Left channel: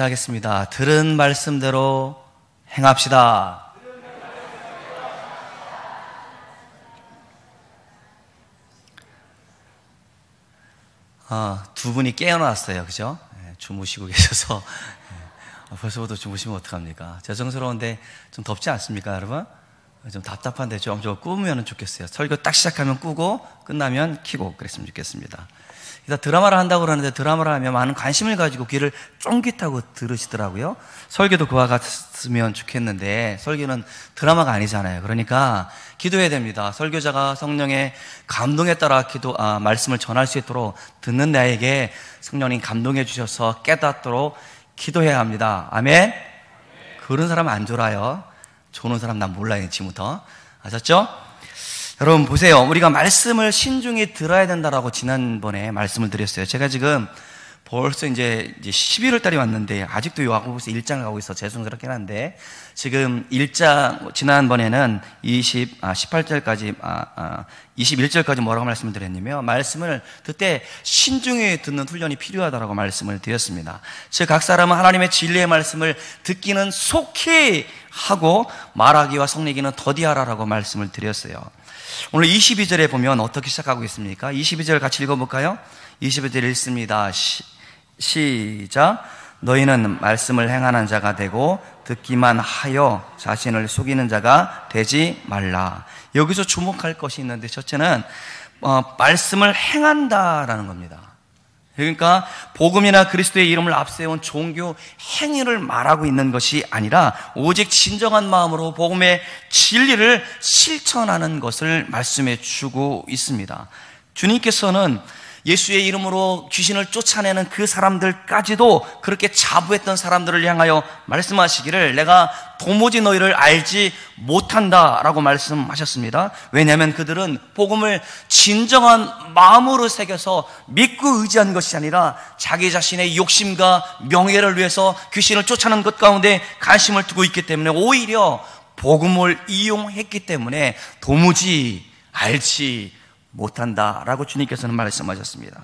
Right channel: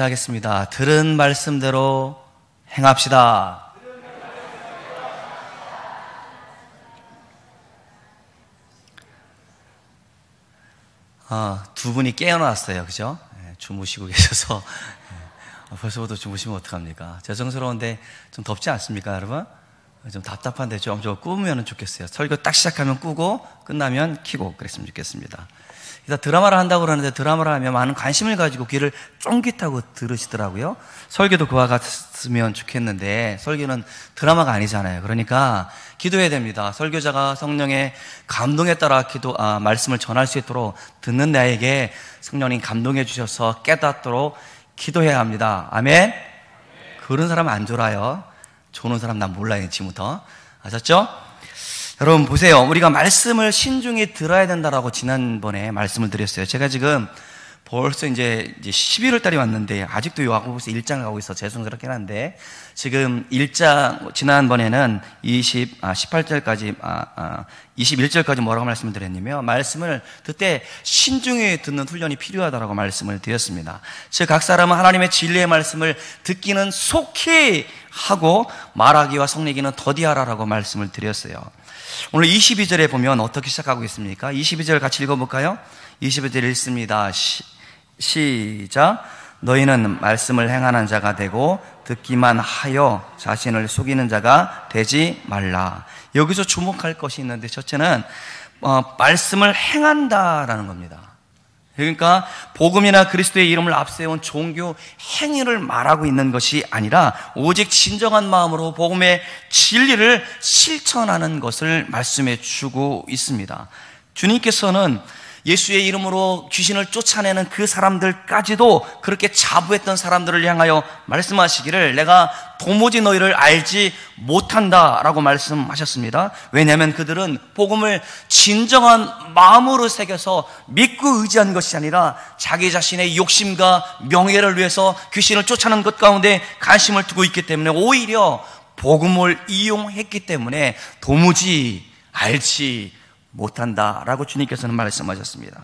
하겠습니다. 들은 말씀대로 행합시다. 두 분이 깨어났어요. 그죠? 주무시고 계셔서 벌써부터 주무시면 어떡합니까? 죄송스러운데 좀 덥지 않습니까, 여러분? 좀 답답한데 좀 꾸면 좋겠어요. 설교 딱 시작하면 꾸고 끝나면 켜고 그랬으면 좋겠습니다. 일단 드라마를 한다고 그러는데 드라마를 하면 많은 관심을 가지고 귀를 쫑깃하고 들으시더라고요. 설교도 그와 같으면 좋겠는데 설교는 드라마가 아니잖아요. 그러니까 기도해야 됩니다. 설교자가 성령의 감동에 따라 말씀을 전할 수 있도록 듣는 나에게 성령님 감동해 주셔서 깨닫도록 기도해야 합니다. 아멘? 그런 사람 안 졸아요. 조는 사람 난 몰라요, 지금부터. 아셨죠? 여러분 보세요. 우리가 말씀을 신중히 들어야 된다라고 지난번에 말씀을 드렸어요. 제가 지금 벌써 이제 11월 달이 왔는데 아직도 야고보서 1장 가고 있어 죄송스럽긴 한데 지금 1장 지난번에는 18절까지 21절까지 뭐라고 말씀을 드렸냐면 말씀을 그때 신중히 듣는 훈련이 필요하다라고 말씀을 드렸습니다. 즉 각 사람은 하나님의 진리의 말씀을 듣기는 속히 하고 말하기와 속내기는 더디하라라고 말씀을 드렸어요. 오늘 22절에 보면 어떻게 시작하고 있습니까? 22절 같이 읽어볼까요? 22절 읽습니다. 시작. 너희는 말씀을 행하는 자가 되고 듣기만 하여 자신을 속이는 자가 되지 말라. 여기서 주목할 것이 있는데 첫째는 말씀을 행한다라는 겁니다. 그러니까 복음이나 그리스도의 이름을 앞세운 종교 행위를 말하고 있는 것이 아니라 오직 진정한 마음으로 복음의 진리를 실천하는 것을 말씀해 주고 있습니다. 주님께서는 예수의 이름으로 귀신을 쫓아내는 그 사람들까지도 그렇게 자부했던 사람들을 향하여 말씀하시기를 내가 도무지 너희를 알지 못한다라고 말씀하셨습니다. 왜냐하면 그들은 복음을 진정한 마음으로 새겨서 믿고 의지한 것이 아니라 자기 자신의 욕심과 명예를 위해서 귀신을 쫓아내는 것 가운데 관심을 두고 있기 때문에 오히려 복음을 이용했기 때문에 도무지 알지 못한다라고 주님께서는 말씀하셨습니다.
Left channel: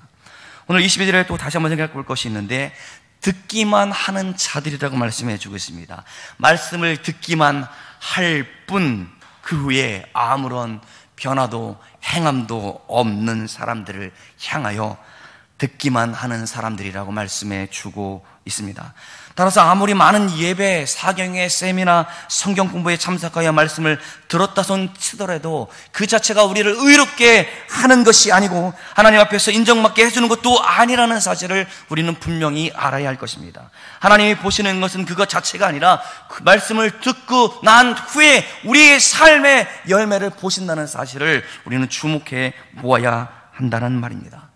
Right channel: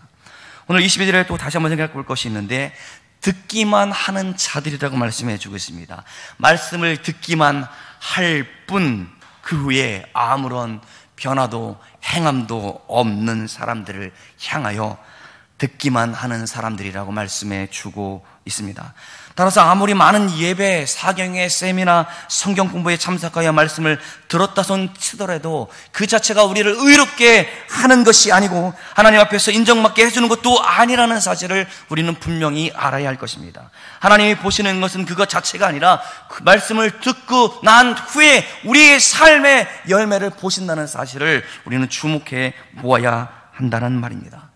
오늘 22절에 또 다시 한번 생각해 볼 것이 있는데 듣기만 하는 자들이라고 말씀해 주고 있습니다. 말씀을 듣기만 할 뿐 그 후에 아무런 변화도 행함도 없는 사람들을 향하여 듣기만 하는 사람들이라고 말씀해 주고 있습니다. 따라서 아무리 많은 예배, 사경의 세미나, 성경 공부에 참석하여 말씀을 들었다 손 치더라도 그 자체가 우리를 의롭게 하는 것이 아니고 하나님 앞에서 인정받게 해주는 것도 아니라는 사실을 우리는 분명히 알아야 할 것입니다. 하나님이 보시는 것은 그것 자체가 아니라 그 말씀을 듣고 난 후에 우리의 삶의 열매를 보신다는 사실을 우리는 주목해 보아야 한다는 말입니다.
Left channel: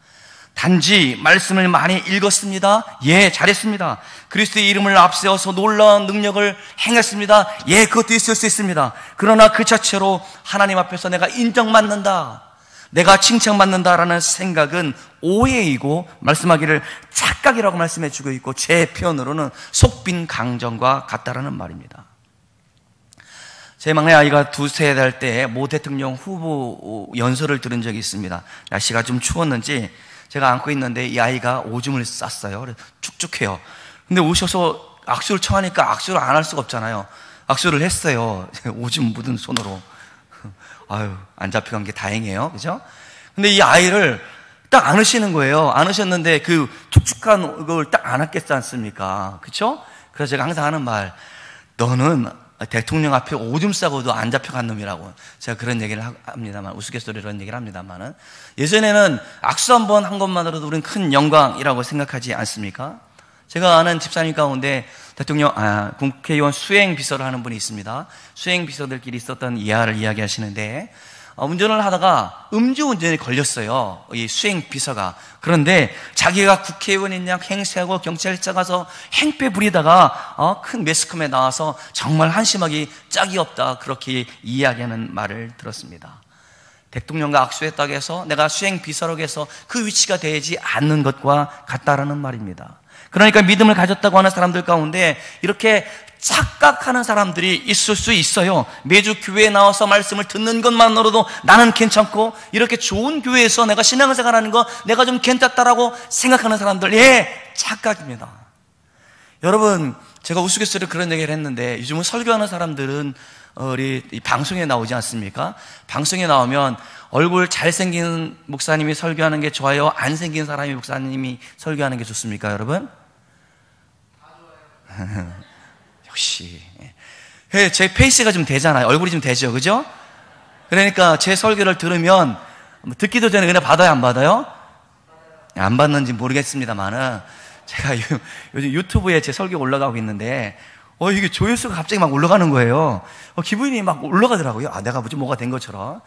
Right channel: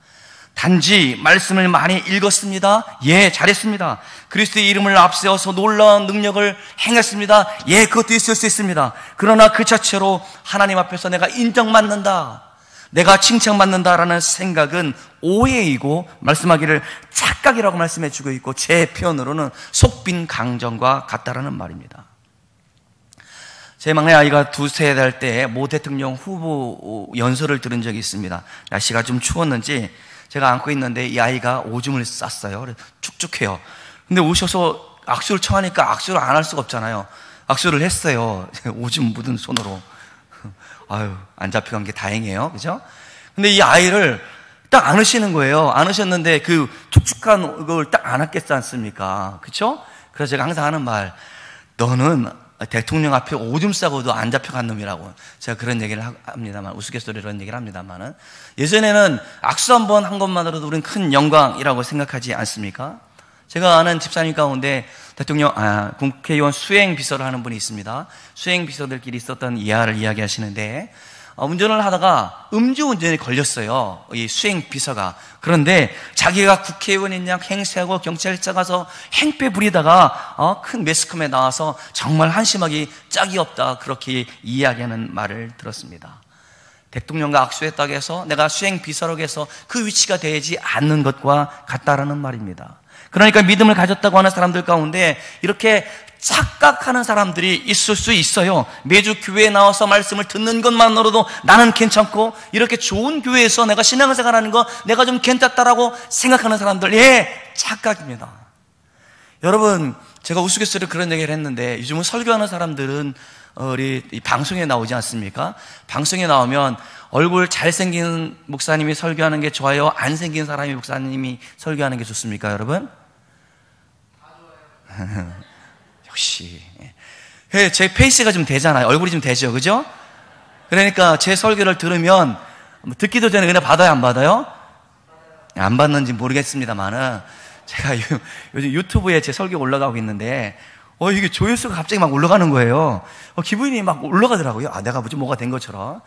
단지 말씀을 많이 읽었습니다. 예, 잘했습니다. 그리스도의 이름을 앞세워서 놀라운 능력을 행했습니다. 예, 그것도 있을 수 있습니다. 그러나 그 자체로 하나님 앞에서 내가 인정받는다, 내가 칭찬받는다라는 생각은 오해이고 말씀하기를 착각이라고 말씀해 주고 있고 제 표현으로는 속빈 강정과 같다라는 말입니다. 제 막내 아이가 2-3살 때 모 대통령 후보 연설을 들은 적이 있습니다. 날씨가 좀 추웠는지 제가 안고 있는데 이 아이가 오줌을 쌌어요. 축축해요. 근데 오셔서 악수를 청하니까 악수를 안 할 수가 없잖아요. 악수를 했어요. 오줌 묻은 손으로. 아유, 안 잡혀간 게 다행이에요. 그죠? 근데 이 아이를 딱 안으시는 거예요. 안으셨는데 그 축축한 걸 딱 안았겠지 않습니까? 그쵸? 그래서 제가 항상 하는 말, 너는 대통령 앞에 오줌 싸고도 안 잡혀간 놈이라고 제가 그런 얘기를 합니다만, 우스갯소리로 그런 얘기를 합니다만은, 예전에는 악수 한 번 한 것만으로도 우리는 큰 영광이라고 생각하지 않습니까? 제가 아는 집사님 가운데 국회의원 수행 비서를 하는 분이 있습니다. 수행 비서들끼리 있었던 이야를 이야기하시는데, 운전을 하다가 음주운전에 걸렸어요. 이 수행 비서가. 그런데 자기가 국회의원인 양 행세하고 경찰차 가서 행패 부리다가 큰 매스컴에 나와서 정말 한심하기 짝이 없다, 그렇게 이야기하는 말을 들었습니다. 대통령과 악수했다고 해서 내가 수행 비서라고 해서 그 위치가 되지 않는 것과 같다라는 말입니다. 그러니까 믿음을 가졌다고 하는 사람들 가운데 이렇게 착각하는 사람들이 있을 수 있어요. 매주 교회에 나와서 말씀을 듣는 것만으로도 나는 괜찮고, 이렇게 좋은 교회에서 내가 신앙생활하는 거 내가 좀 괜찮다라고 생각하는 사람들, 예, 착각입니다. 여러분, 제가 우스갯소리로 그런 얘기를 했는데 요즘은 설교하는 사람들은 우리 이 방송에 나오지 않습니까? 방송에 나오면 얼굴 잘생긴 목사님이 설교하는 게 좋아요? 안 생긴 사람이 목사님이 설교하는 게 좋습니까, 여러분? 역시. 제 페이스가 좀 되잖아요. 얼굴이 좀 되죠, 그죠? 그러니까 제 설교를 들으면 듣기도 전에 은혜 받아요, 안 받아요? 안 받는지 모르겠습니다만은 제가 요즘 유튜브에 제 설교 올라가고 있는데 이게 조회수가 갑자기 막 올라가는 거예요. 기분이 막 올라가더라고요. 내가 뭐가 된 것처럼.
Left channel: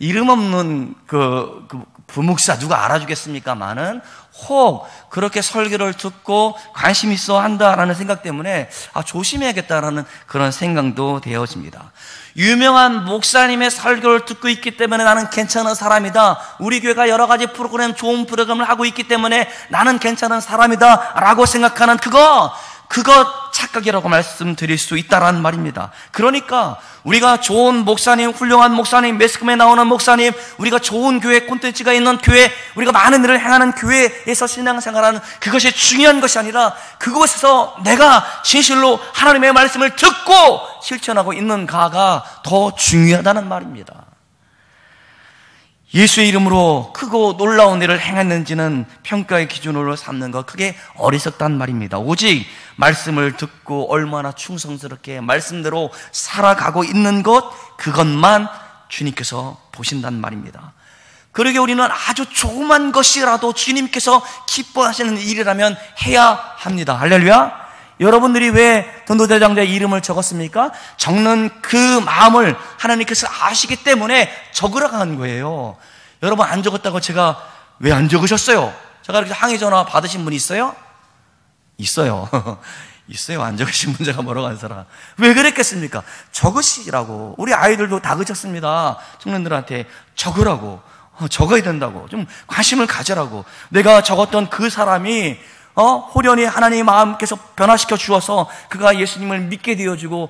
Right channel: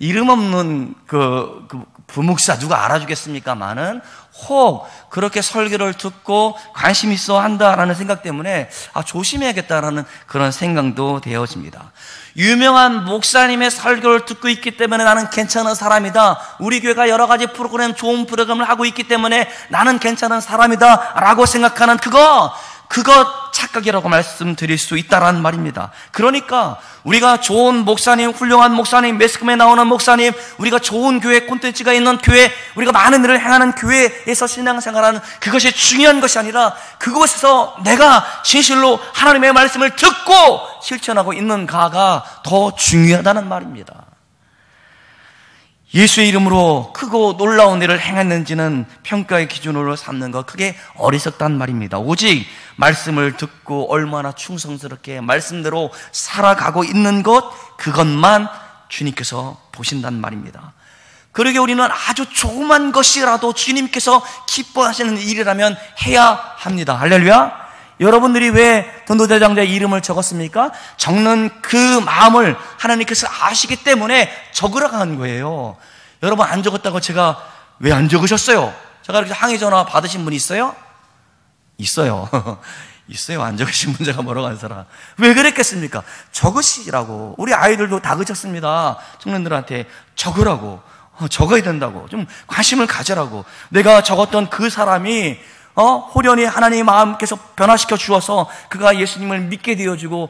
이름 없는 그 부목사 누가 알아주겠습니까만은 혹 그렇게 설교를 듣고 관심 있어 한다라는 생각 때문에 조심해야겠다라는 그런 생각도 되어집니다. 유명한 목사님의 설교를 듣고 있기 때문에 나는 괜찮은 사람이다. 우리 교회가 여러 가지 프로그램, 좋은 프로그램을 하고 있기 때문에 나는 괜찮은 사람이다 라고 생각하는 그거 착각이라고 말씀드릴 수 있다라는 말입니다. 그러니까 우리가 좋은 목사님, 훌륭한 목사님, 매스컴에 나오는 목사님, 우리가 좋은 교회, 콘텐츠가 있는 교회, 우리가 많은 일을 행하는 교회에서 신앙생활하는 그것이 중요한 것이 아니라 그곳에서 내가 진실로 하나님의 말씀을 듣고 실천하고 있는가가 더 중요하다는 말입니다. 예수의 이름으로 크고 놀라운 일을 행했는지는 평가의 기준으로 삼는 것, 그게 어리석다는 말입니다. 오직 말씀을 듣고 얼마나 충성스럽게 말씀대로 살아가고 있는 것, 그것만 주님께서 보신다는 말입니다. 그러게 우리는 아주 조그만 것이라도 주님께서 기뻐하시는 일이라면 해야 합니다. 할렐루야. 여러분들이 왜 전도대장자의 이름을 적었습니까? 적는 그 마음을 하나님께서 아시기 때문에 적으라고 한 거예요. 여러분 안 적었다고 제가 왜 안 적으셨어요? 제가 이렇게 항의 전화 받으신 분 있어요? 있어요. 있어요. 안 적으신 분 제가 뭐라고 한 사람. 왜 그랬겠습니까? 적으시라고. 우리 아이들도 다 그쳤습니다. 청년들한테 적으라고. 적어야 된다고. 좀 관심을 가져라고. 내가 적었던 그 사람이 호련히 하나님의 마음께서 변화시켜 주어서 그가 예수님을 믿게 되어주고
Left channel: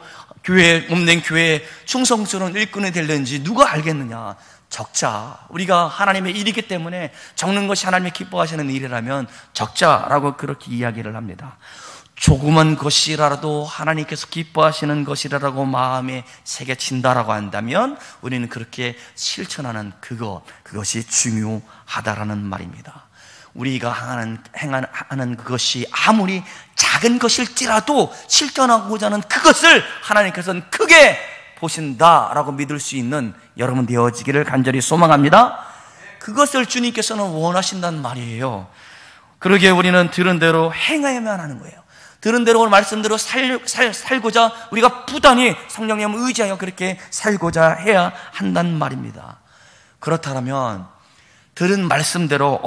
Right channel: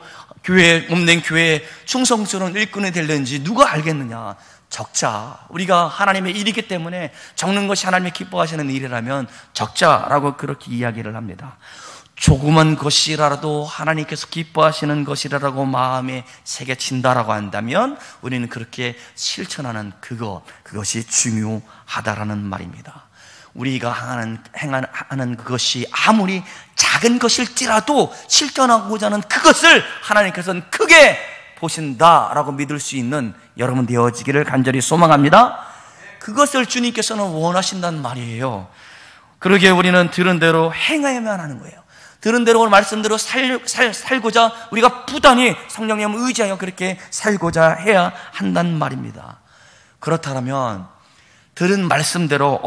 몸된 교회에 충성스러운 일꾼이 될는지 누가 알겠느냐. 적자. 우리가 하나님의 일이기 때문에 적는 것이 하나님의 기뻐하시는 일이라면 적자라고 그렇게 이야기를 합니다. 조그만 것이라도 하나님께서 기뻐하시는 것이라고 마음에 새겨친다라고 한다면 우리는 그렇게 실천하는 그것이 중요하다라는 말입니다. 우리가 행하는 그것이 아무리 작은 것일지라도 실천하고자 하는 그것을 하나님께서는 크게 보신다라고 믿을 수 있는 여러분 되어지기를 간절히 소망합니다. 그것을 주님께서는 원하신다는 말이에요. 그러기에 우리는 들은 대로 행해야만 하는 거예요. 들은 대로 말씀대로 살고자 우리가 부단히 성령님을 의지하여 그렇게 살고자 해야 한다는 말입니다. 그렇다면 들은 말씀대로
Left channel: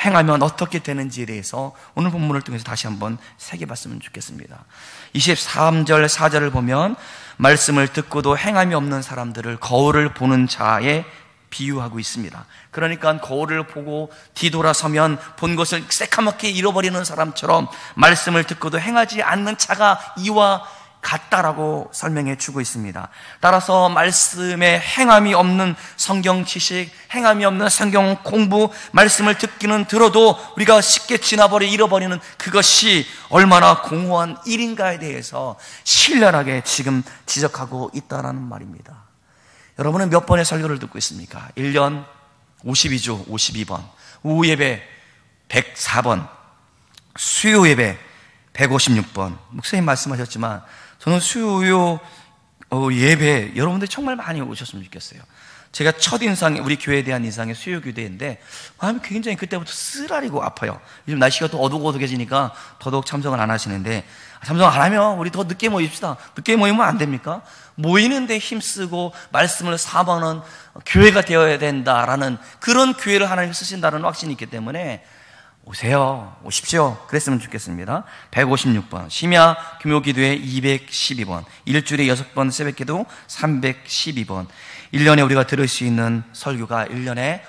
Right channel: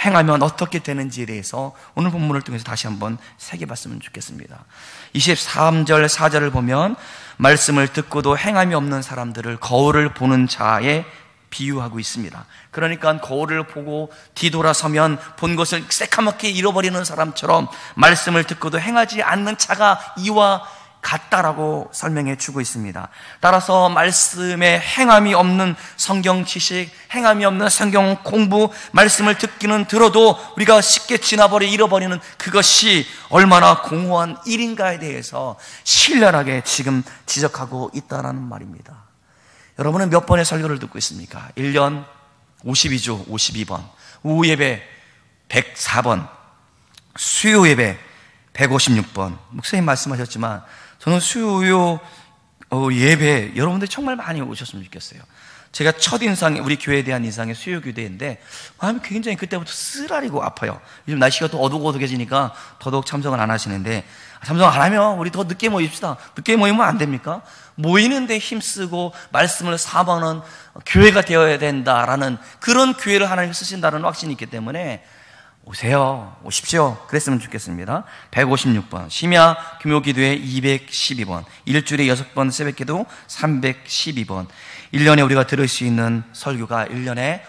행하면 어떻게 되는지에 대해서 오늘 본문을 통해서 다시 한번 새겨봤으면 좋겠습니다. 23절 4절을 보면 말씀을 듣고도 행함이 없는 사람들을 거울을 보는 자에 비유하고 있습니다. 그러니까 거울을 보고 뒤돌아서면 본 것을 새카맣게 잃어버리는 사람처럼 말씀을 듣고도 행하지 않는 자가 이와 같다라고 설명해 주고 있습니다. 따라서 말씀에 행함이 없는 성경 지식, 행함이 없는 성경 공부, 말씀을 듣기는 들어도 우리가 쉽게 잃어버리는 그것이 얼마나 공허한 일인가에 대해서 신랄하게 지금 지적하고 있다는 말입니다. 여러분은 몇 번의 설교를 듣고 있습니까? 1년 52주 52번, 오후 예배 104번, 수요 예배 156번. 목사님 말씀하셨지만 저는 수요 예배 여러분들 정말 많이 오셨으면 좋겠어요. 제가 첫 인상이 우리 교회에 대한 인상이 수요 교대인데 마음이 굉장히 그때부터 쓰라리고 아파요. 요즘 날씨가 또 어둑어둑해지니까 더더욱 참석을 안 하시는데 참석 안 하면 우리 더 늦게 모입시다. 늦게 모이면 안 됩니까? 모이는데 힘쓰고 말씀을 사모하는 교회가 되어야 된다라는 그런 교회를 하나님 쓰신다는 확신이 있기 때문에 오십시오. 그랬으면 좋겠습니다. 156번, 심야 규모기도회 212번, 일주일에 6번 새벽기도 312번, 1년에 우리가 들을 수 있는 설교가 1년에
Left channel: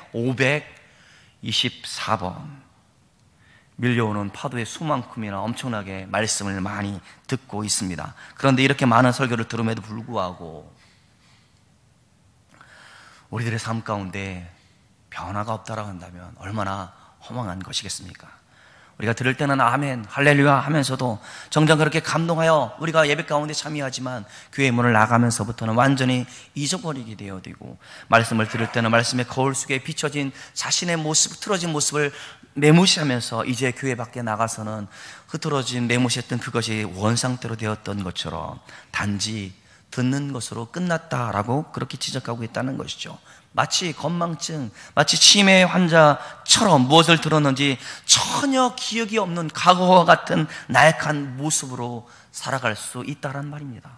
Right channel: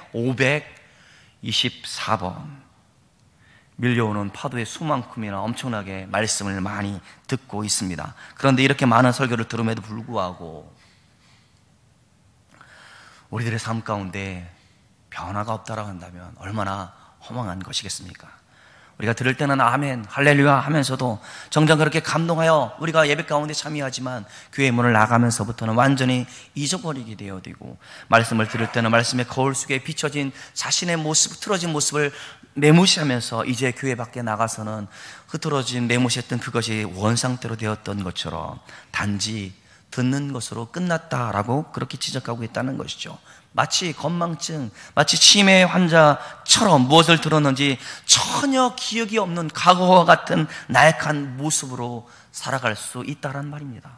524번. 밀려오는 파도의 수만큼이나 엄청나게 말씀을 많이 듣고 있습니다. 그런데 이렇게 많은 설교를 들음에도 불구하고 우리들의 삶 가운데 변화가 없다라고 한다면 얼마나 허망한 것이겠습니까? 우리가 들을 때는 아멘, 할렐루야 하면서도 정작 그렇게 감동하여 우리가 예배 가운데 참여하지만 교회 문을 나가면서부터는 완전히 잊어버리게 되어지고, 말씀을 들을 때는 말씀의 거울 속에 비춰진 자신의 모습, 틀어진 모습을 매무시하면서 이제 교회 밖에 나가서는 흐트러진 매무시했던 그것이 원상태로 되었던 것처럼 단지 듣는 것으로 끝났다라고 그렇게 지적하고 있다는 것이죠. 마치 건망증, 마치 치매 환자처럼 무엇을 들었는지 전혀 기억이 없는 과거와 같은 나약한 모습으로 살아갈 수 있다란 말입니다.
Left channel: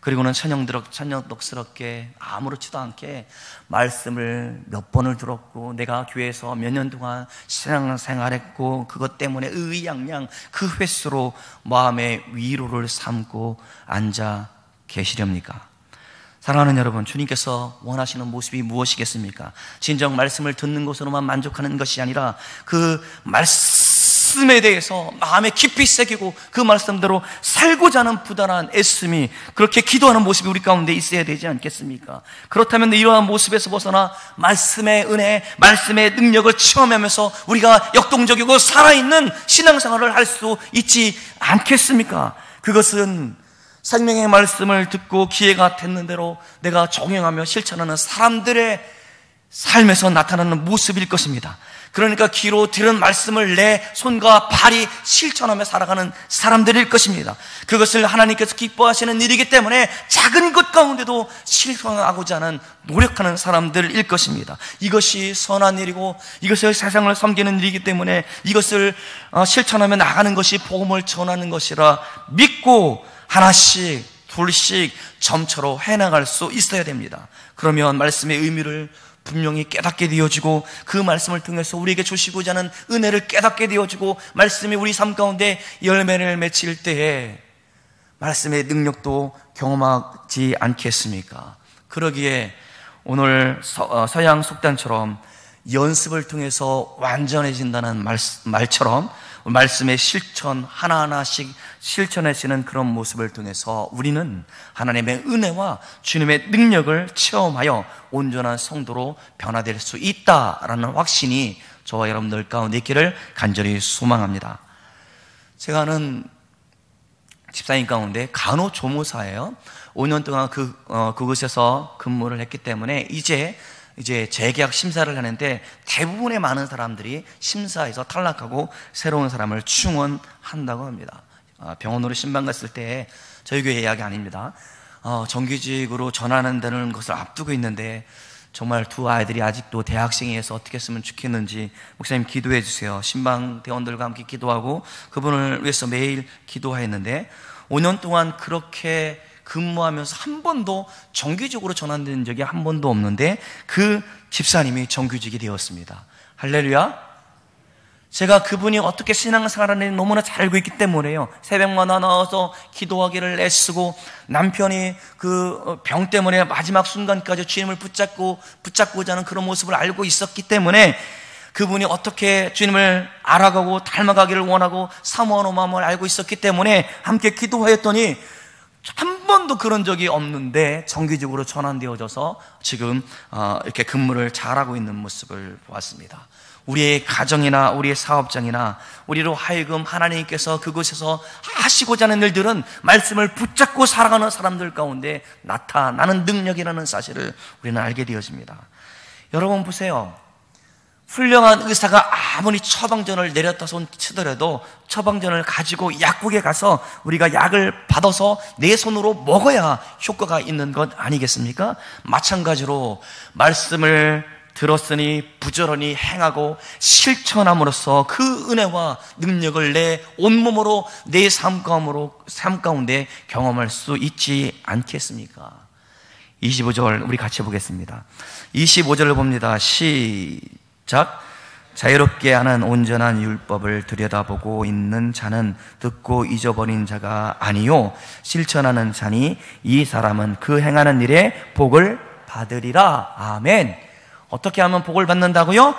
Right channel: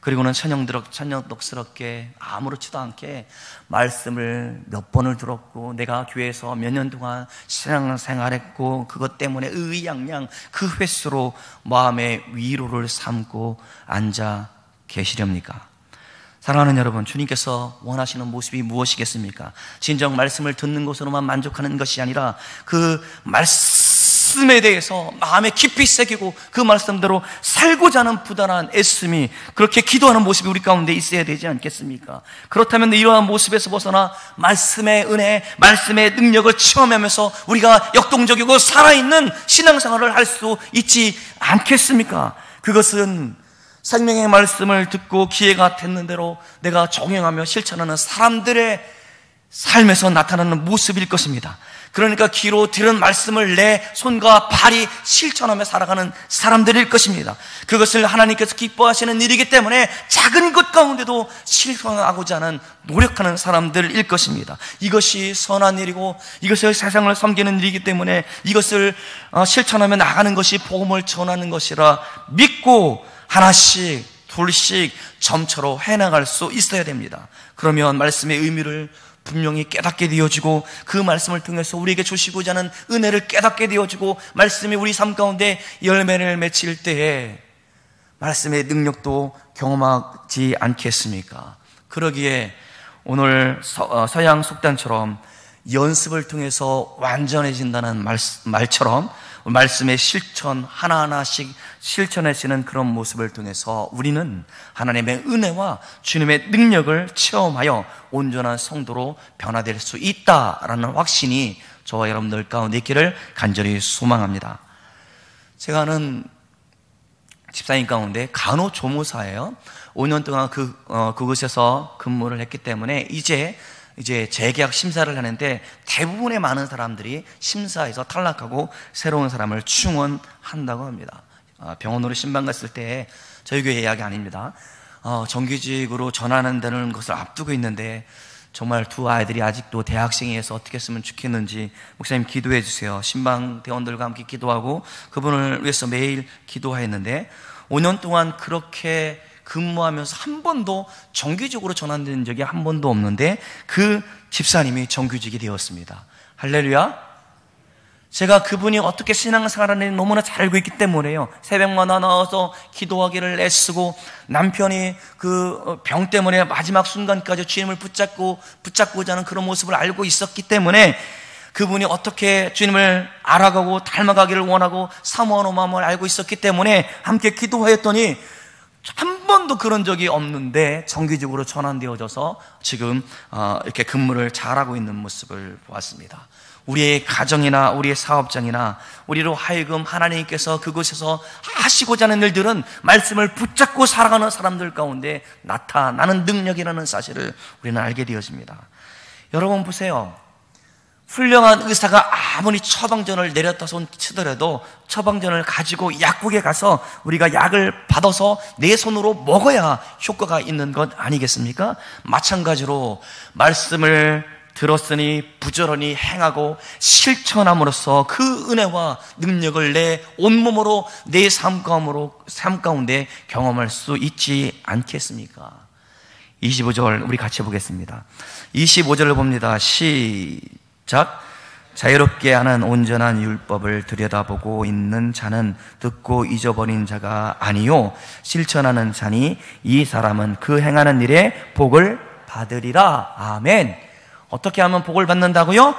그리고는 천연덕스럽게 아무렇지도 않게 말씀을 몇 번을 들었고, 내가 교회에서 몇 년 동안 신앙생활했고 그것 때문에 의양양 그 횟수로 마음의 위로를 삼고 앉아 계시렵니까? 사랑하는 여러분, 주님께서 원하시는 모습이 무엇이겠습니까? 진정 말씀을 듣는 것으로만 만족하는 것이 아니라 그 말씀에 대해서 마음에 깊이 새기고 그 말씀대로 살고자 하는 부단한 애씀이, 그렇게 기도하는 모습이 우리 가운데 있어야 되지 않겠습니까? 그렇다면 이러한 모습에서 벗어나 말씀의 은혜, 말씀의 능력을 체험하면서 우리가 역동적이고 살아있는 신앙생활을 할 수 있지 않겠습니까? 그것은 생명의 말씀을 듣고 기회가 됐는 대로 내가 적용하며 실천하는 사람들의 삶에서 나타나는 모습일 것입니다. 그러니까 귀로 들은 말씀을 내 손과 발이 실천하며 살아가는 사람들일 것입니다. 그것을 하나님께서 기뻐하시는 일이기 때문에 작은 것 가운데도 실천하고자 하는 노력하는 사람들일 것입니다. 이것이 선한 일이고 이것을 세상을 섬기는 일이기 때문에 이것을 실천하며 나가는 것이 복음을 전하는 것이라 믿고 하나씩 둘씩 점차로 해나갈 수 있어야 됩니다. 그러면 말씀의 의미를 분명히 깨닫게 되어지고, 그 말씀을 통해서 우리에게 주시고자 하는 은혜를 깨닫게 되어지고, 말씀이 우리 삶 가운데 열매를 맺힐 때에 말씀의 능력도 경험하지 않겠습니까? 그러기에 오늘 서양 속단처럼 연습을 통해서 완전해진다는 말처럼 말씀의 실천 하나하나씩 실천하시는 그런 모습을 통해서 우리는 하나님의 은혜와 주님의 능력을 체험하여 온전한 성도로 변화될 수 있다라는 확신이 저와 여러분들 가운데 있기를 간절히 소망합니다. 제가 아는 집사님 가운데 간호조무사예요. 5년 동안 그곳에서 근무를 했기 때문에 이제 재계약 심사를 하는데 대부분의 많은 사람들이 심사에서 탈락하고 새로운 사람을 충원한다고 합니다. 병원으로 신방 갔을 때 저희 교회 이야기 아닙니다. 정규직으로 전환한다는 것을 앞두고 있는데 정말 두 아이들이 아직도 대학생이어서 어떻게 했으면 좋겠는지 목사님 기도해 주세요. 신방 대원들과 함께 기도하고 그분을 위해서 매일 기도했는데 5년 동안 그렇게 근무하면서 한 번도 정규직으로 전환된 적이 한 번도 없는데 그 집사님이 정규직이 되었습니다. 할렐루야. 제가 그분이 어떻게 신앙생활하는지 너무나 잘 알고 있기 때문에요. 새벽마다 나와서 기도하기를 애쓰고 남편이 그 병 때문에 마지막 순간까지 주님을 붙잡고자 하는 그런 모습을 알고 있었기 때문에 그분이 어떻게 주님을 알아가고 닮아가기를 원하고 사모하는 마음을 알고 있었기 때문에 함께 기도하였더니 한 번도 그런 적이 없는데 정규직으로 전환되어져서 지금 이렇게 근무를 잘하고 있는 모습을 보았습니다. 우리의 가정이나 우리의 사업장이나 우리로 하여금 하나님께서 그곳에서 하시고자 하는 일들은 말씀을 붙잡고 살아가는 사람들 가운데 나타나는 능력이라는 사실을 우리는 알게 되었습니다. 여러분 보세요. 훌륭한 의사가 아무리 처방전을 내렸다 손 치더라도 처방전을 가지고 약국에 가서 우리가 약을 받아서 내 손으로 먹어야 효과가 있는 것 아니겠습니까? 마찬가지로 말씀을 들었으니 부지런히 행하고 실천함으로써 그 은혜와 능력을 내 온몸으로 내 삶 가운데 경험할 수 있지 않겠습니까? 25절 우리 같이 보겠습니다. 25절을 봅니다. 시작. 자유롭게 하는 온전한 율법을 들여다보고 있는 자는 듣고 잊어버린 자가 아니요 실천하는 자니 이 사람은 그 행하는 일에 복을 받으리라. 아멘. 어떻게 하면 복을 받는다고요?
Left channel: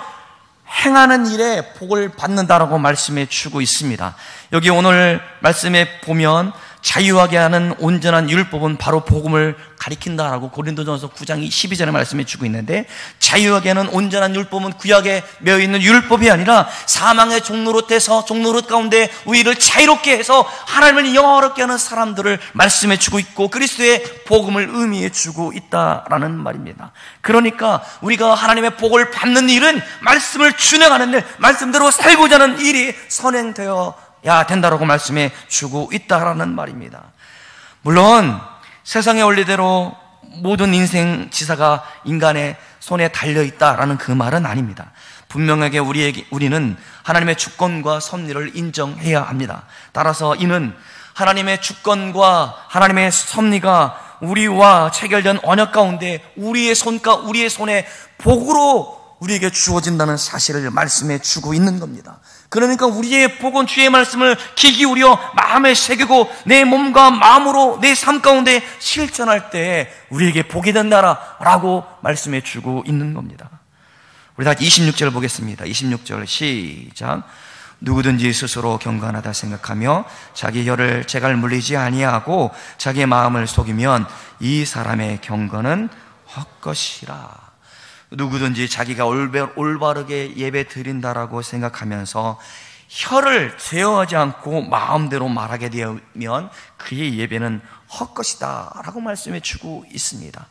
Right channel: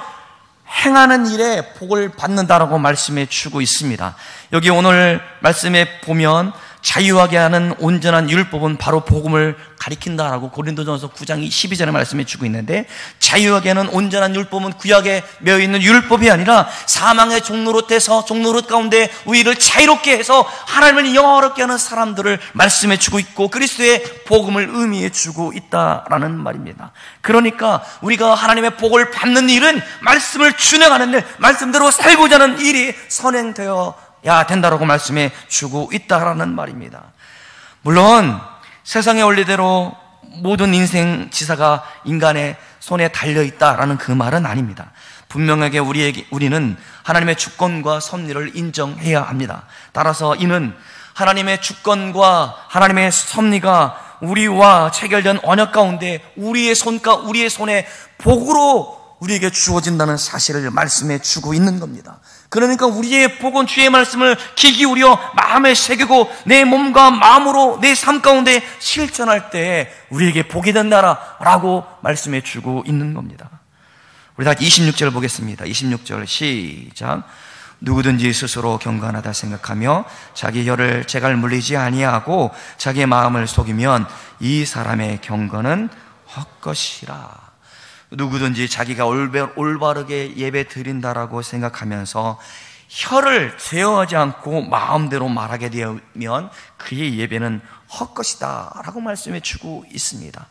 행하는 일에 복을 받는다라고 말씀해 주고 있습니다. 여기 오늘 말씀에 보면 자유하게 하는 온전한 율법은 바로 복음을 가리킨다라고 고린도전서 9장 12절에 말씀해 주고 있는데, 자유하게 하는 온전한 율법은 구약에 매여있는 율법이 아니라 사망의 종노릇에서 종노릇 가운데 우리를 자유롭게 해서 하나님을 영화롭게 하는 사람들을 말씀해 주고 있고, 그리스도의 복음을 의미해 주고 있다라는 말입니다. 그러니까 우리가 하나님의 복을 받는 일은 말씀을 준행하는 일, 말씀대로 살고자 하는 일이 선행되어야 된다라고 말씀해 주고 있다라는 말입니다. 물론 세상의 원리대로 모든 인생 지사가 인간의 손에 달려있다라는 그 말은 아닙니다. 분명하게 우리는 하나님의 주권과 섭리를 인정해야 합니다. 따라서 이는 하나님의 주권과 하나님의 섭리가 우리와 체결된 언약 가운데 우리의 손에 복으로 우리에게 주어진다는 사실을 말씀해 주고 있는 겁니다. 그러니까 우리의 복은 주의 말씀을 귀 기울여 마음에 새기고 내 몸과 마음으로 내 삶 가운데 실천할 때 우리에게 복이 된다라고 말씀해 주고 있는 겁니다. 우리 다 26절 보겠습니다. 26절 시작. 누구든지 스스로 경건하다 생각하며 자기 혀를 재갈 물리지 아니하고 자기의 마음을 속이면 이 사람의 경건은 헛것이라. 누구든지 자기가 올바르게 예배 드린다라고 생각하면서 혀를 제어하지 않고 마음대로 말하게 되면 그의 예배는 헛것이다 라고 말씀해 주고 있습니다.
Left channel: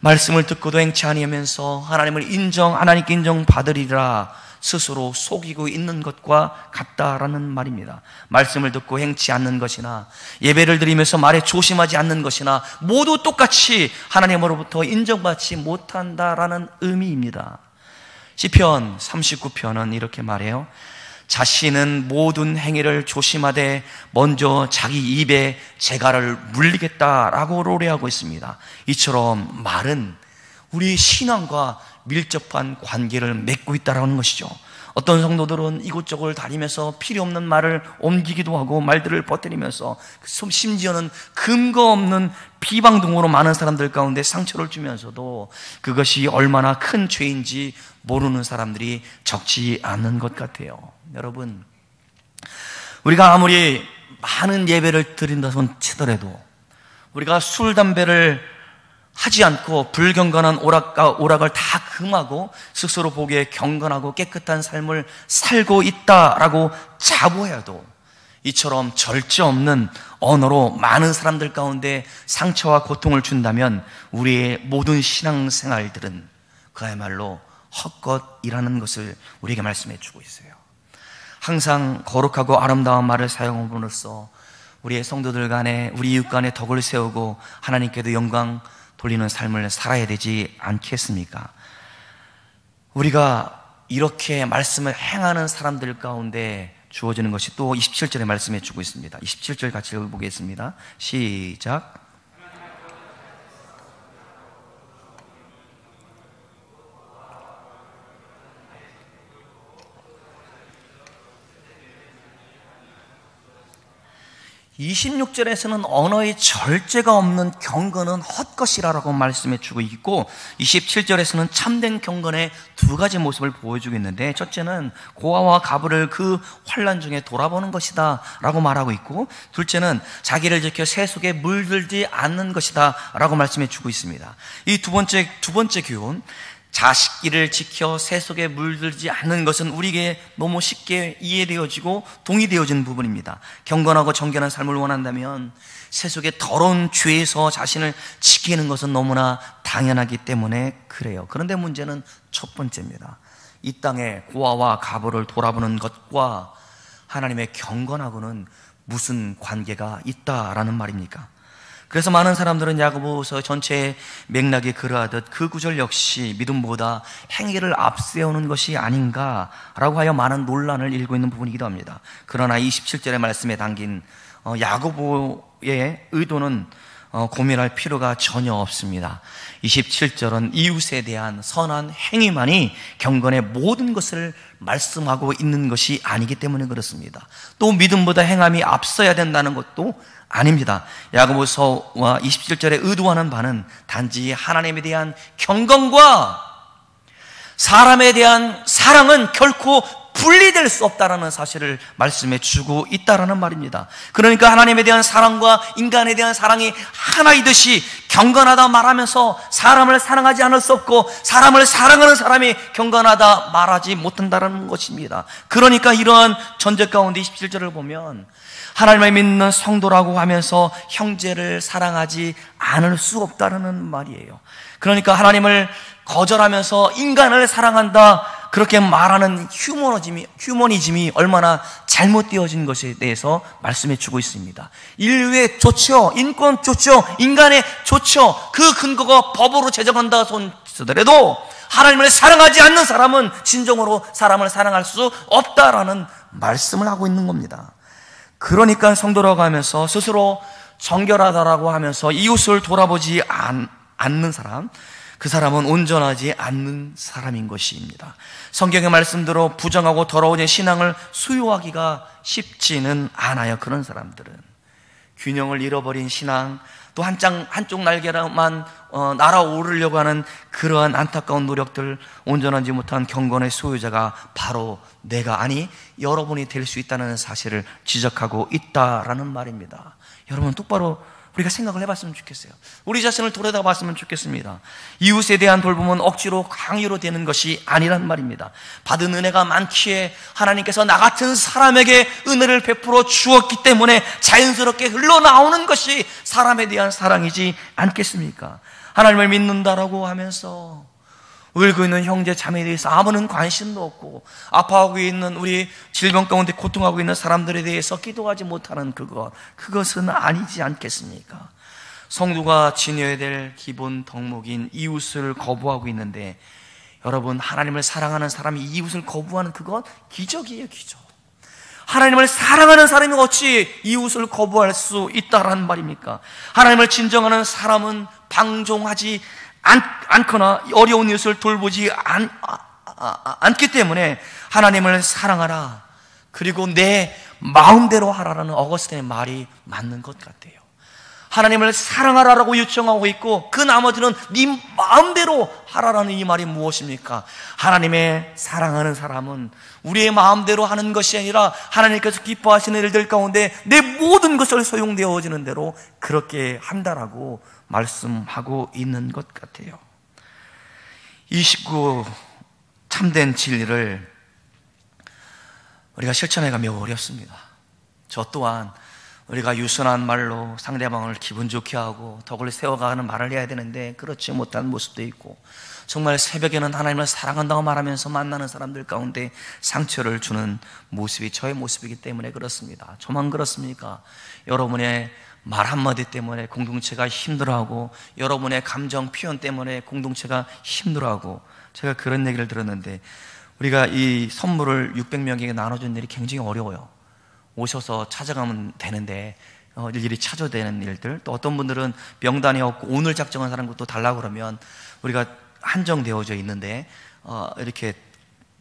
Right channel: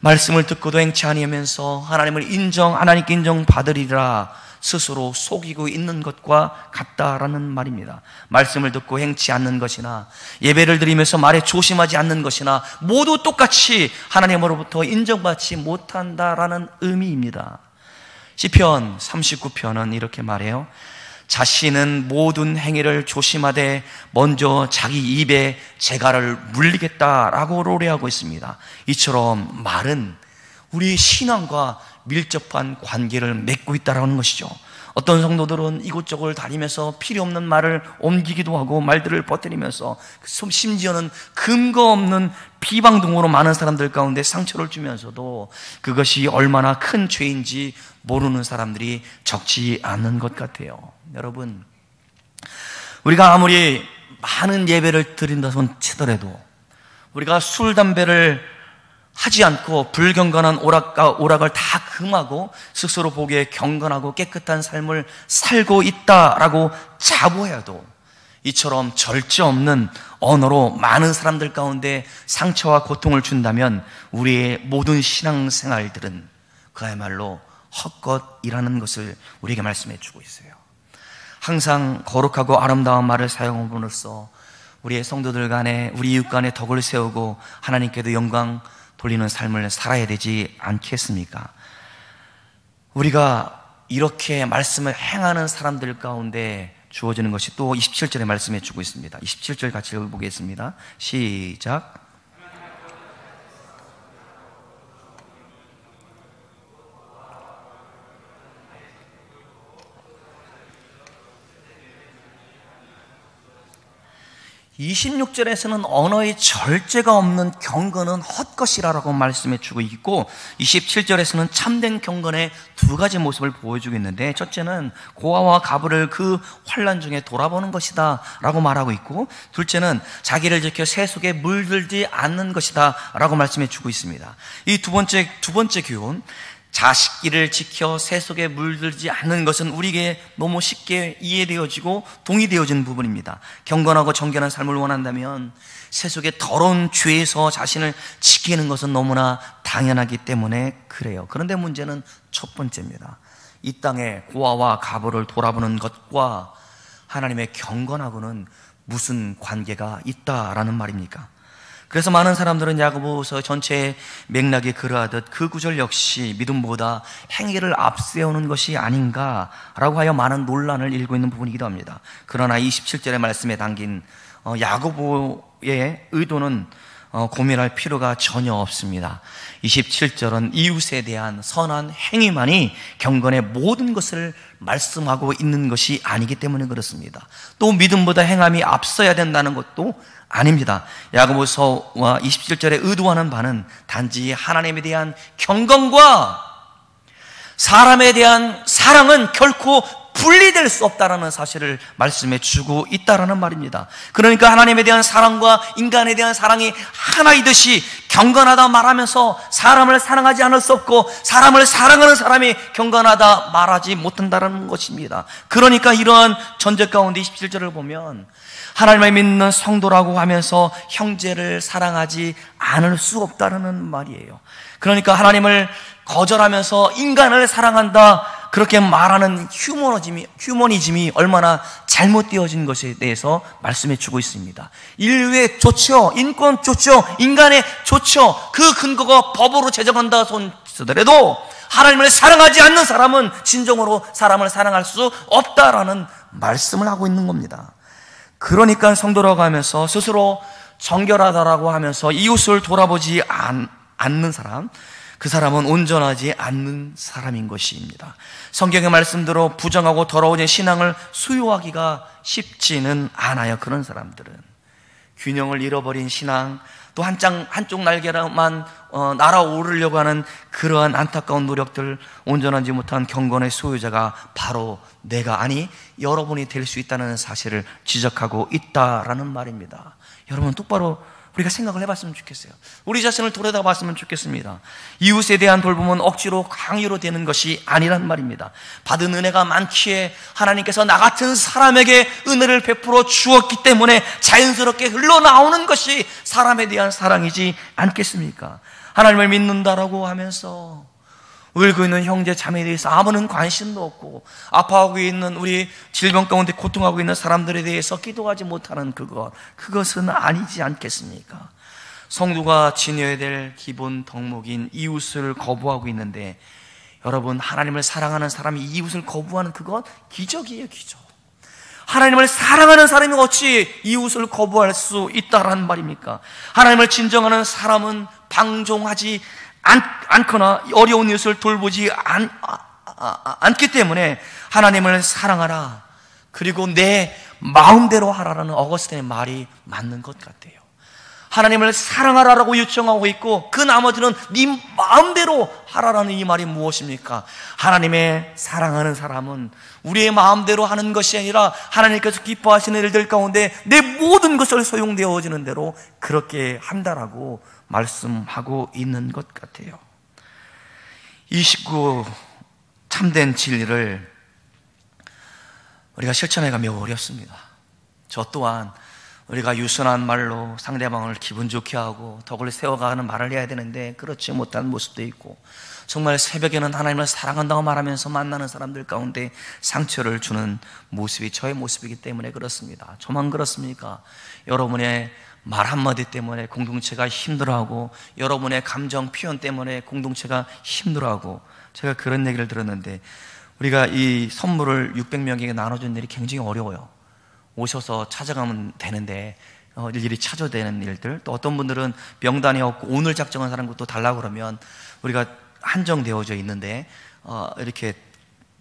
말씀을 듣고도 행치 아니하면서 하나님께 인정받으리라 스스로 속이고 있는 것과 같다라는 말입니다. 말씀을 듣고 행치 않는 것이나 예배를 드리면서 말에 조심하지 않는 것이나 모두 똑같이 하나님으로부터 인정받지 못한다라는 의미입니다. 시편 39편은 이렇게 말해요. 자신은 모든 행위를 조심하되 먼저 자기 입에 재갈을 물리겠다라고 노래하고 있습니다. 이처럼 말은 우리 신앙과 밀접한 관계를 맺고 있다는 것이죠. 어떤 성도들은 이곳저곳 다니면서 필요 없는 말을 옮기기도 하고 말들을 퍼뜨리면서 심지어는 근거 없는 비방 등으로 많은 사람들 가운데 상처를 주면서도 그것이 얼마나 큰 죄인지 모르는 사람들이 적지 않은 것 같아요. 여러분, 우리가 아무리 많은 예배를 드린다 손 치더라도 우리가 술, 담배를 하지 않고 불경건한 오락을 다 금하고 스스로 보기에 경건하고 깨끗한 삶을 살고 있다라고 자부해도 이처럼 절제 없는 언어로 많은 사람들 가운데 상처와 고통을 준다면 우리의 모든 신앙생활들은 그야말로 헛것이라는 것을 우리에게 말씀해 주고 있어요. 항상 거룩하고 아름다운 말을 사용함으로써 우리의 성도들 간에 우리 이웃 간에 덕을 세우고 하나님께도 영광 돌리는 삶을 살아야 되지 않겠습니까? 우리가 이렇게 말씀을 행하는 사람들 가운데 주어지는 것이 또 27절에 말씀해 주고 있습니다. 27절 같이 읽어보겠습니다. 시작. 26절에서는 언어의 절제가 없는 경건은 헛것이라고 말씀해 주고 있고 27절에서는 참된 경건의 두 가지 모습을 보여주고 있는데, 첫째는 고아와 가부를 그 환난 중에 돌아보는 것이다 라고 말하고 있고, 둘째는 자기를 지켜 세속에 물들지 않는 것이다 라고 말씀해 주고 있습니다. 이 두 번째 교훈, 자식기를 지켜 세속에 물들지 않는 것은 우리에게 너무 쉽게 이해되어지고 동의되어지는 부분입니다. 경건하고 정결한 삶을 원한다면 세속의 더러운 죄에서 자신을 지키는 것은 너무나 당연하기 때문에 그래요. 그런데 문제는 첫 번째입니다. 이 땅의 고아와 가부를 돌아보는 것과 하나님의 경건하고는 무슨 관계가 있다라는 말입니까? 그래서 많은 사람들은 야고보서 전체의 맥락이 그러하듯 그 구절 역시 믿음보다 행위를 앞세우는 것이 아닌가라고 하여 많은 논란을 일고 있는 부분이기도 합니다. 그러나 27절의 말씀에 담긴 야고보의 의도는 고민할 필요가 전혀 없습니다. 27절은 이웃에 대한 선한 행위만이 경건의 모든 것을 말씀하고 있는 것이 아니기 때문에 그렇습니다. 또 믿음보다 행함이 앞서야 된다는 것도 아닙니다. 야고보서와 27절에 의도하는 바는 단지 하나님에 대한 경건과 사람에 대한 사랑은 결코 분리될 수 없다라는 사실을 말씀해 주고 있다라는 말입니다. 그러니까 하나님에 대한 사랑과 인간에 대한 사랑이 하나이듯이 경건하다 말하면서 사람을 사랑하지 않을 수 없고 사람을 사랑하는 사람이 경건하다 말하지 못한다는 것입니다. 그러니까 이러한 전제 가운데 27절을 보면 하나님을 믿는 성도라고 하면서 형제를 사랑하지 않을 수 없다는 말이에요. 그러니까 하나님을 거절하면서 인간을 사랑한다 그렇게 말하는 휴머니즘이 얼마나 잘못되어진 것에 대해서 말씀해 주고 있습니다. 인류의 좋죠. 인권 좋죠. 인간의 좋죠. 그 근거가 법으로 제정한다 손쓰더라도 하나님을 사랑하지 않는 사람은 진정으로 사람을 사랑할 수 없다라는 말씀을 하고 있는 겁니다. 그러니까 성도라고 하면서 스스로 정결하다라고 하면서 이웃을 돌아보지 않는 사람, 그 사람은 온전하지 않는 사람인 것입니다. 성경의 말씀대로 부정하고 더러워진 신앙을 수용하기가 쉽지는 않아요. 그런 사람들은 균형을 잃어버린 신앙, 또 한쪽 날개로만 날아오르려고 하는 그러한 안타까운 노력들, 온전하지 못한 경건의 소유자가 바로 내가 아니 여러분이 될 수 있다는 사실을 지적하고 있다라는 말입니다. 여러분 똑바로 우리가 생각을 해봤으면 좋겠어요. 우리 자신을 돌아다봤으면 좋겠습니다. 이웃에 대한 돌봄은 억지로 강요로 되는 것이 아니란 말입니다. 받은 은혜가 많기에 하나님께서 나 같은 사람에게 은혜를 베풀어 주었기 때문에 자연스럽게 흘러나오는 것이 사람에 대한 사랑이지 않겠습니까? 하나님을 믿는다라고 하면서 울고 있는 형제 자매에 대해서 아무런 관심도 없고 아파하고 있는 우리 질병 가운데 고통하고 있는 사람들에 대해서 기도하지 못하는 그것은 아니지 않겠습니까? 성도가 지녀야 될 기본 덕목인 이웃을 거부하고 있는데 여러분 하나님을 사랑하는 사람이 이웃을 거부하는 그건 기적이에요. 기적. 하나님을 사랑하는 사람이 어찌 이웃을 거부할 수 있다란 말입니까? 하나님을 진정하는 사람은 방종하지 않거나 어려운 이웃을 돌보지 않기 때문에 하나님을 사랑하라 그리고 내 마음대로 하라라는 어거스틴의 말이 맞는 것 같아요. 하나님을 사랑하라라고 요청하고 있고 그 나머지는 네 마음대로 하라라는 이 말이 무엇입니까? 하나님의 사랑하는 사람은 우리의 마음대로 하는 것이 아니라 하나님께서 기뻐하시는 일들 가운데 내 모든 것을 소용되어지는 대로 그렇게 한다라고 말씀하고 있는 것 같아요. 29 참된 진리를 우리가 실천하기가 매우 어렵습니다. 저 또한 우리가 유순한 말로 상대방을 기분 좋게 하고 덕을 세워가는 말을 해야 되는데 그렇지 못한 모습도 있고 정말 새벽에는 하나님을 사랑한다고 말하면서 만나는 사람들 가운데 상처를 주는 모습이 저의 모습이기 때문에 그렇습니다. 저만 그렇습니까? 여러분의 말 한마디 때문에 공동체가 힘들어하고 여러분의 감정 표현 때문에 공동체가 힘들어하고 제가 그런 얘기를 들었는데 우리가 이 선물을 600명에게 나눠준 일이 굉장히 어려워요. 오셔서 찾아가면 되는데 일일이 찾아야 되는 일들 또 어떤 분들은 명단이 없고 오늘 작정한 사람도 달라고 그러면 우리가 한정되어져 있는데 이렇게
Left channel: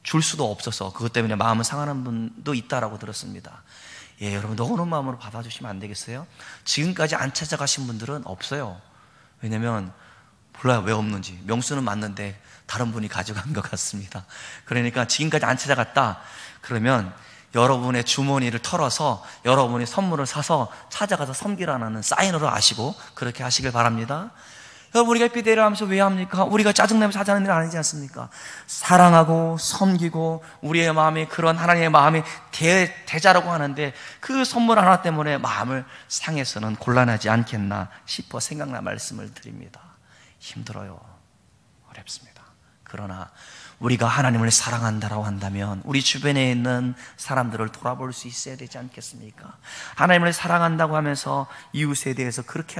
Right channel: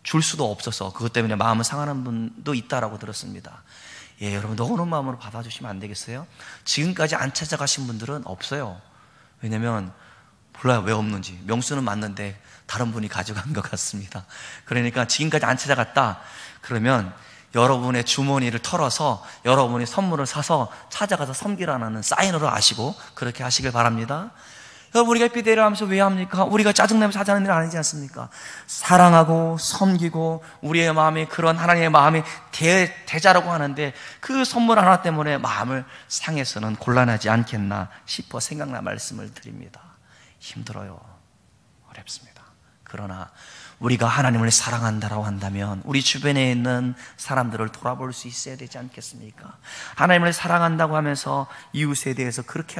줄 수도 없어서 그것 때문에 마음을 상하는 분도 있다라고 들었습니다. 예, 여러분 너그러운 마음으로 받아주시면 안 되겠어요? 지금까지 안 찾아가신 분들은 없어요. 왜냐면 몰라요 왜 없는지. 명수는 맞는데 다른 분이 가져간 것 같습니다. 그러니까 지금까지 안 찾아갔다 그러면 여러분의 주머니를 털어서 여러분이 선물을 사서 찾아가서 섬기라는 사인으로 아시고 그렇게 하시길 바랍니다. 여러분 우리가 비대를 하면서 왜 합니까? 우리가 짜증내면서 하자는 일 아니지 않습니까? 사랑하고 섬기고 우리의 마음이 그런 하나님의 마음이 대자라고 하는데 그 선물 하나 때문에 마음을 상해서는 곤란하지 않겠나 싶어 생각나 말씀을 드립니다. 힘들어요. 어렵습니다. 그러나 우리가 하나님을 사랑한다라고 한다면 우리 주변에 있는 사람들을 돌아볼 수 있어야 되지 않겠습니까? 하나님을 사랑한다고 하면서 이웃에 대해서 그렇게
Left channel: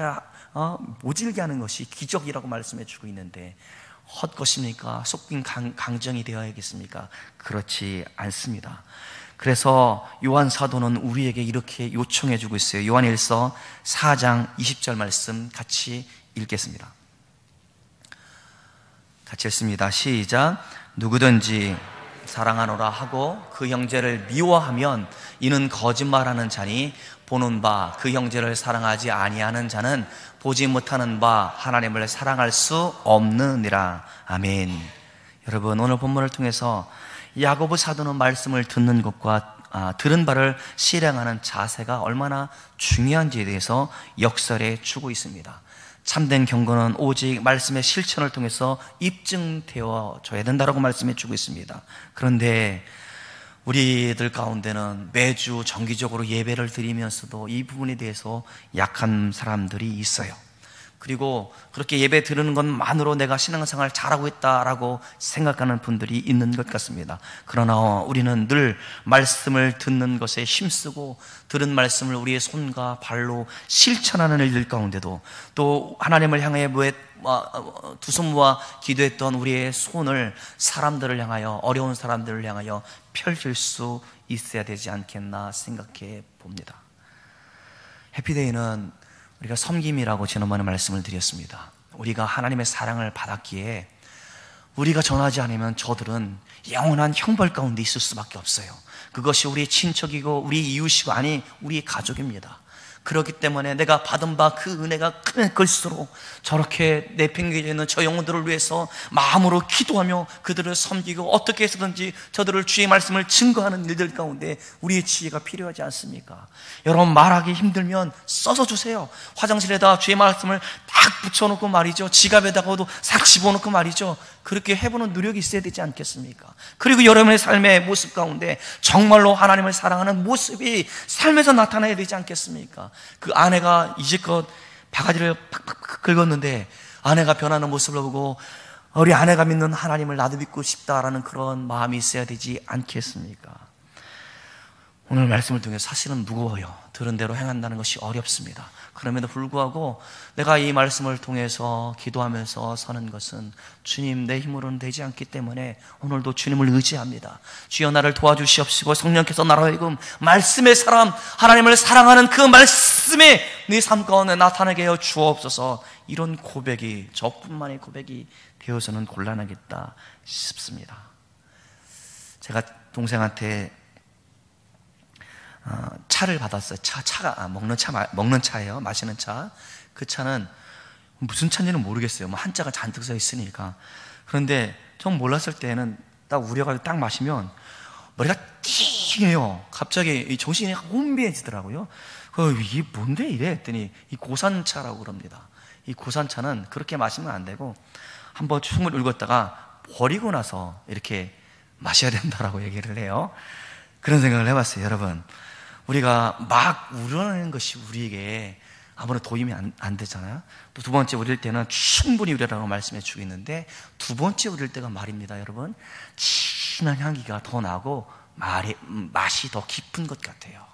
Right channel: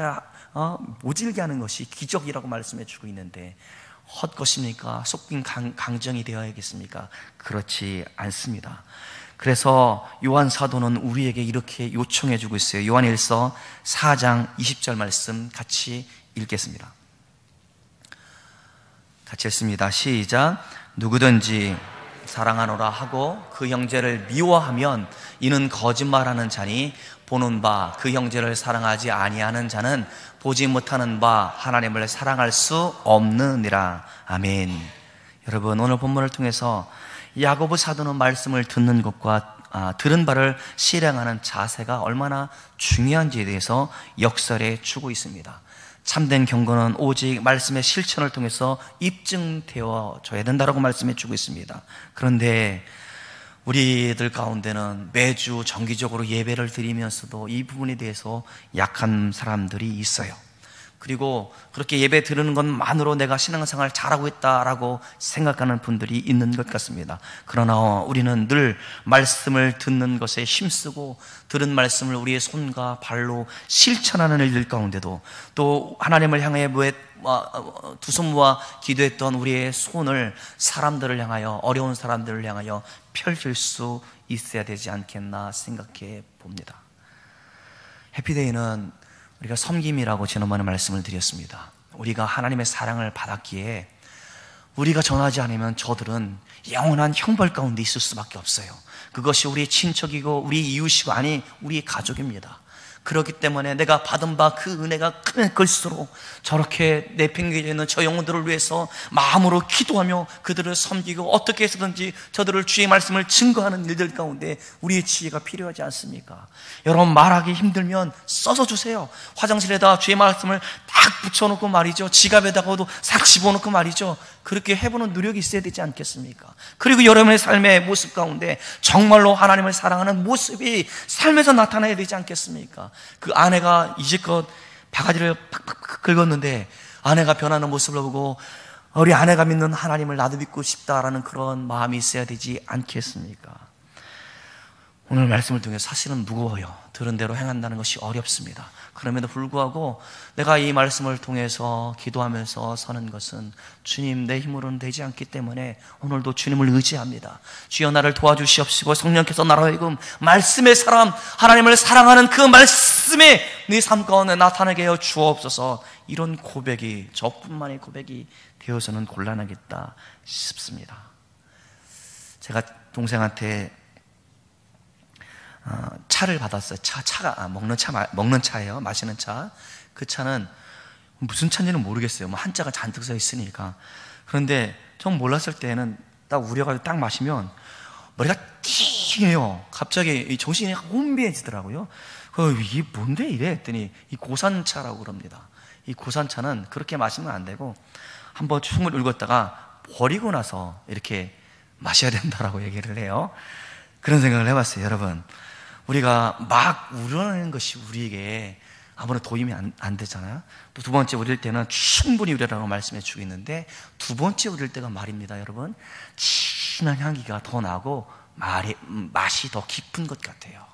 모질게 하는 것이 기적이라고 말씀해 주고 있는데 헛것입니까? 속빈 강정이 되어야겠습니까? 그렇지 않습니다. 그래서 요한 사도는 우리에게 이렇게 요청해 주고 있어요. 요한일서 4장 20절 말씀 같이 읽겠습니다. 같이 읽습니다. 시작. 누구든지 사랑하노라 하고 그 형제를 미워하면 이는 거짓말하는 자니 보는 바 그 형제를 사랑하지 아니하는 자는 보지 못하는 바 하나님을 사랑할 수 없느니라. 아멘. 여러분 오늘 본문을 통해서 야고보 사도는 말씀을 듣는 것과 들은 바를 실행하는 자세가 얼마나 중요한지에 대해서 역설해 주고 있습니다. 참된 경건은 오직 말씀의 실천을 통해서 입증되어져야 된다고 말씀해 주고 있습니다. 그런데 우리들 가운데는 매주 정기적으로 예배를 드리면서도 이 부분에 대해서 약한 사람들이 있어요. 그리고 그렇게 예배 드리는 것만으로 내가 신앙생활 잘하고 있다라고 생각하는 분들이 있는 것 같습니다. 그러나 우리는 늘 말씀을 듣는 것에 힘쓰고 들은 말씀을 우리의 손과 발로 실천하는 일들 가운데도 또 하나님을 향해 두 손 모아 기도했던 우리의 손을 사람들을 향하여, 어려운 사람들을 향하여 펼칠 수 있어야 되지 않겠나 생각해 봅니다. 해피데이는 우리가 섬김이라고 지난번에 말씀을 드렸습니다. 우리가 하나님의 사랑을 받았기에 우리가 전하지 않으면 저들은 영원한 형벌 가운데 있을 수밖에 없어요. 그것이 우리 친척이고 우리 이웃이고 아니 우리 가족입니다. 그렇기 때문에 내가 받은 바 그 은혜가 큰 걸수록 저렇게 내팽개쳐 있는 저 영혼들을 위해서 마음으로 기도하며 그들을 섬기고 어떻게 해서든지 저들을 주의 말씀을 증거하는 일들 가운데 우리의 지혜가 필요하지 않습니까? 여러분, 말하기 힘들면 써서 주세요. 화장실에다 주의 말씀을 딱 붙여놓고 말이죠. 지갑에다가도 싹 집어넣고 말이죠. 그렇게 해보는 노력이 있어야 되지 않겠습니까? 그리고 여러분의 삶의 모습 가운데 정말로 하나님을 사랑하는 모습이 삶에서 나타나야 되지 않겠습니까? 그 아내가 이제껏 바가지를 팍팍 긁었는데 아내가 변하는 모습을 보고 우리 아내가 믿는 하나님을 나도 믿고 싶다라는 그런 마음이 있어야 되지 않겠습니까? 오늘 말씀을 통해 사실은 무거워요. 들은 대로 행한다는 것이 어렵습니다. 그럼에도 불구하고 내가 이 말씀을 통해서 기도하면서 서는 것은 주님 내 힘으로는 되지 않기 때문에 오늘도 주님을 의지합니다. 주여 나를 도와주시옵시고 성령께서 나로 하여금 말씀의 사람, 하나님을 사랑하는 그 말씀에 네 삶 가운데 나타나게 하여 주옵소서. 이런 고백이 저뿐만의 고백이 되어서는 곤란하겠다 싶습니다. 제가 동생한테 차를 받았어요. 차가 먹는 차예요. 마시는 차. 그 차는 무슨 차인지는 모르겠어요. 뭐 한자가 잔뜩 써 있으니까. 그런데 전 몰랐을 때는 딱 우려가지고 딱 마시면 머리가 띵해요. 갑자기 정신이 혼비해지더라고요. 이게 뭔데 이래 했더니 이 고산차라고 그럽니다. 이 고산차는 그렇게 마시면 안 되고 한번 충을 읽었다가 버리고 나서 이렇게 마셔야 된다라고 얘기를 해요. 그런 생각을 해봤어요. 여러분, 우리가 막 우려내는 것이 우리에게 아무런 도움이 안 되잖아요. 또 두 번째 우릴 때는 충분히 우려라고 말씀해 주고 있는데 두 번째 우릴 때가 말입니다. 여러분, 진한 향기가 더 나고 맛이 더 깊은 것 같아요.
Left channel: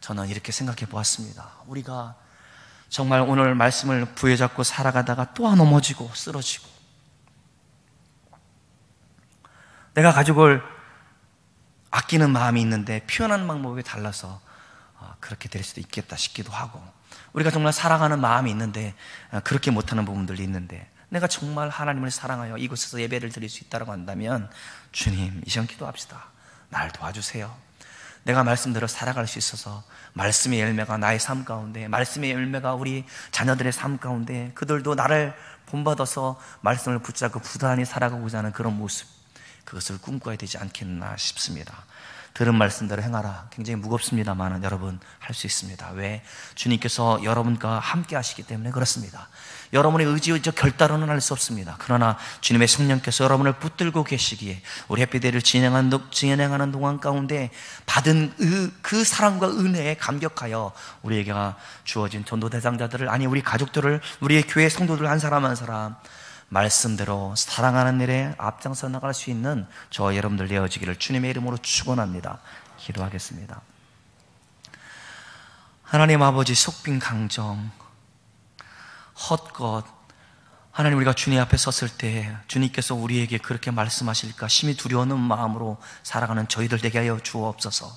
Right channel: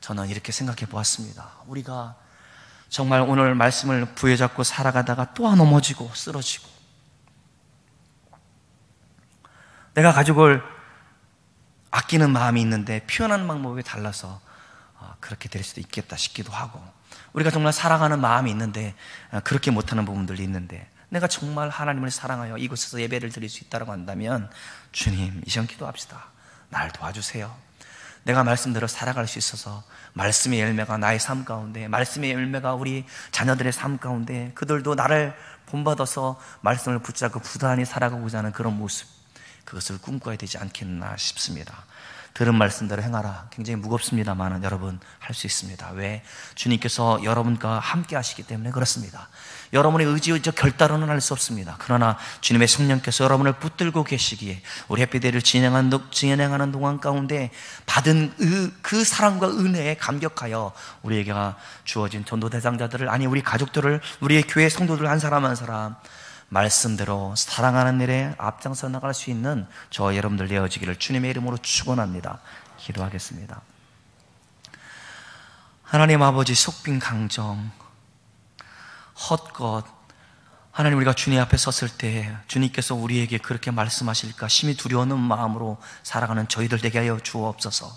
저는 이렇게 생각해 보았습니다. 우리가 정말 오늘 말씀을 부여잡고 살아가다가 또 넘어지고 쓰러지고 내가 가족을 아끼는 마음이 있는데 표현하는 방법이 달라서 그렇게 될 수도 있겠다 싶기도 하고 우리가 정말 사랑하는 마음이 있는데 그렇게 못하는 부분들이 있는데 내가 정말 하나님을 사랑하여 이곳에서 예배를 드릴 수 있다고 한다면 주님 이 시간 기도합시다. 날 도와주세요. 내가 말씀대로 살아갈 수 있어서 말씀의 열매가 나의 삶 가운데 말씀의 열매가 우리 자녀들의 삶 가운데 그들도 나를 본받아서 말씀을 붙잡고 부단히 살아가고자 하는 그런 모습 그것을 꿈꿔야 되지 않겠나 싶습니다. 들은 말씀대로 행하라. 굉장히 무겁습니다만 여러분 할 수 있습니다. 왜? 주님께서 여러분과 함께 하시기 때문에 그렇습니다. 여러분의 의지적 결단으로는 할 수 없습니다. 그러나 주님의 성령께서 여러분을 붙들고 계시기에 우리 해피데이를 진행하는 동안 가운데 받은 그 사랑과 은혜에 감격하여 우리에게 주어진 전도 대상자들을 아니 우리 가족들을 우리의 교회 성도들 한 사람 한 사람 말씀대로 사랑하는 일에 앞장서 나갈 수 있는 저 여러분들 되어지기를 주님의 이름으로 축원합니다. 기도하겠습니다. 하나님 아버지 속빈 강정 헛것 하나님 우리가 주님 앞에 섰을 때 주님께서 우리에게 그렇게 말씀하실까 심히 두려워하는 마음으로 살아가는 저희들 되게 하여 주옵소서.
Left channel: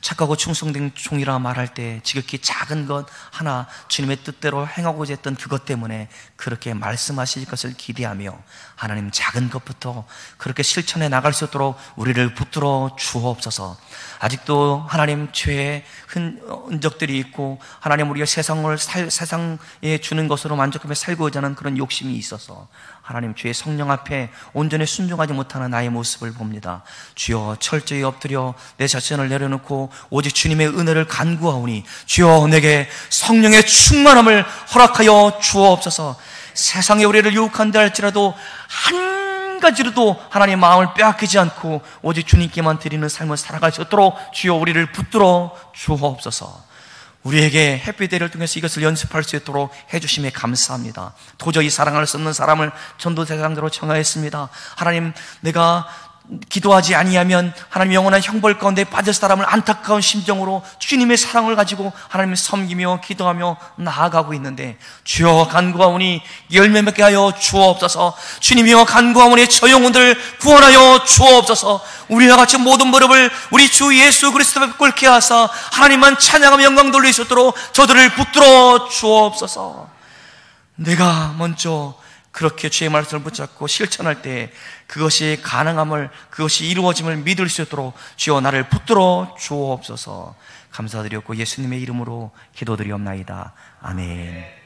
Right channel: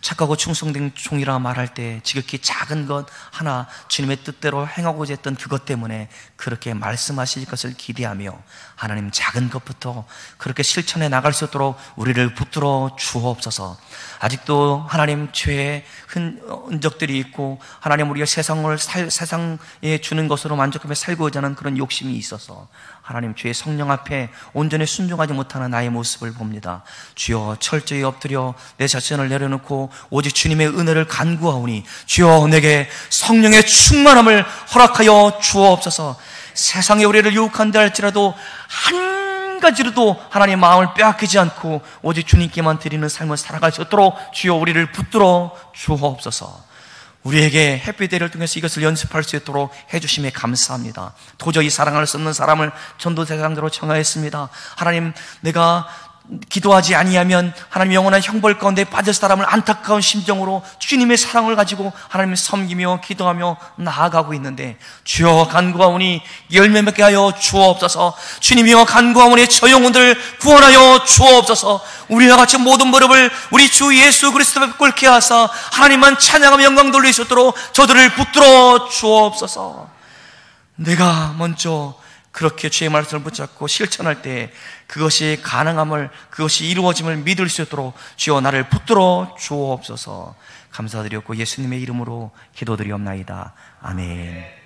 착하고 충성된 종이라 말할 때 지극히 작은 것 하나 주님의 뜻대로 행하고자 했던 그것 때문에 그렇게 말씀하실 것을 기대하며 하나님 작은 것부터 그렇게 실천해 나갈 수 있도록 우리를 붙들어 주옵소서. 아직도 하나님 죄의 흔적들이 있고 하나님 우리가 세상에 주는 것으로 만족하며 살고자 하는 그런 욕심이 있어서 하나님 주의 성령 앞에 온전히 순종하지 못하는 나의 모습을 봅니다. 주여 철저히 엎드려 내 자신을 내려놓고 오직 주님의 은혜를 간구하오니 주여 내게 성령의 충만함을 허락하여 주옵소서. 세상에 우리를 유혹한다 할지라도 한 가지로도 하나님의 마음을 빼앗기지 않고 오직 주님께만 드리는 삶을 살아갈 수 있도록 주여 우리를 붙들어 주옵소서. 우리에게 햇빛대를 통해서 이것을 연습할 수 있도록 해주심에 감사합니다. 도저히 사랑할 수 없는 사람을 전도 대상자로 정하였습니다. 하나님, 내가 기도하지 아니하면 하나님 영원한 형벌 가운데 빠질 사람을 안타까운 심정으로 주님의 사랑을 가지고 하나님을 섬기며 기도하며 나아가고 있는데 주여 간구하오니 열매 맺게 하여 주옵소서. 주님이여 간구하오니 저 영혼들 구원하여 주옵소서. 우리와 같이 모든 무릎을 우리 주 예수 그리스도 앞에 꿇게 하사 하나님만 찬양하며 영광 돌릴 수 있도록 저들을 붙들어 주옵소서. 내가 먼저 그렇게 주의 말씀을 붙잡고 실천할 때 그것이 가능함을, 그것이 이루어짐을 믿을 수 있도록 주여 나를 붙들어 주옵소서. 감사드렸고 예수님의 이름으로 기도드리옵나이다. 아멘.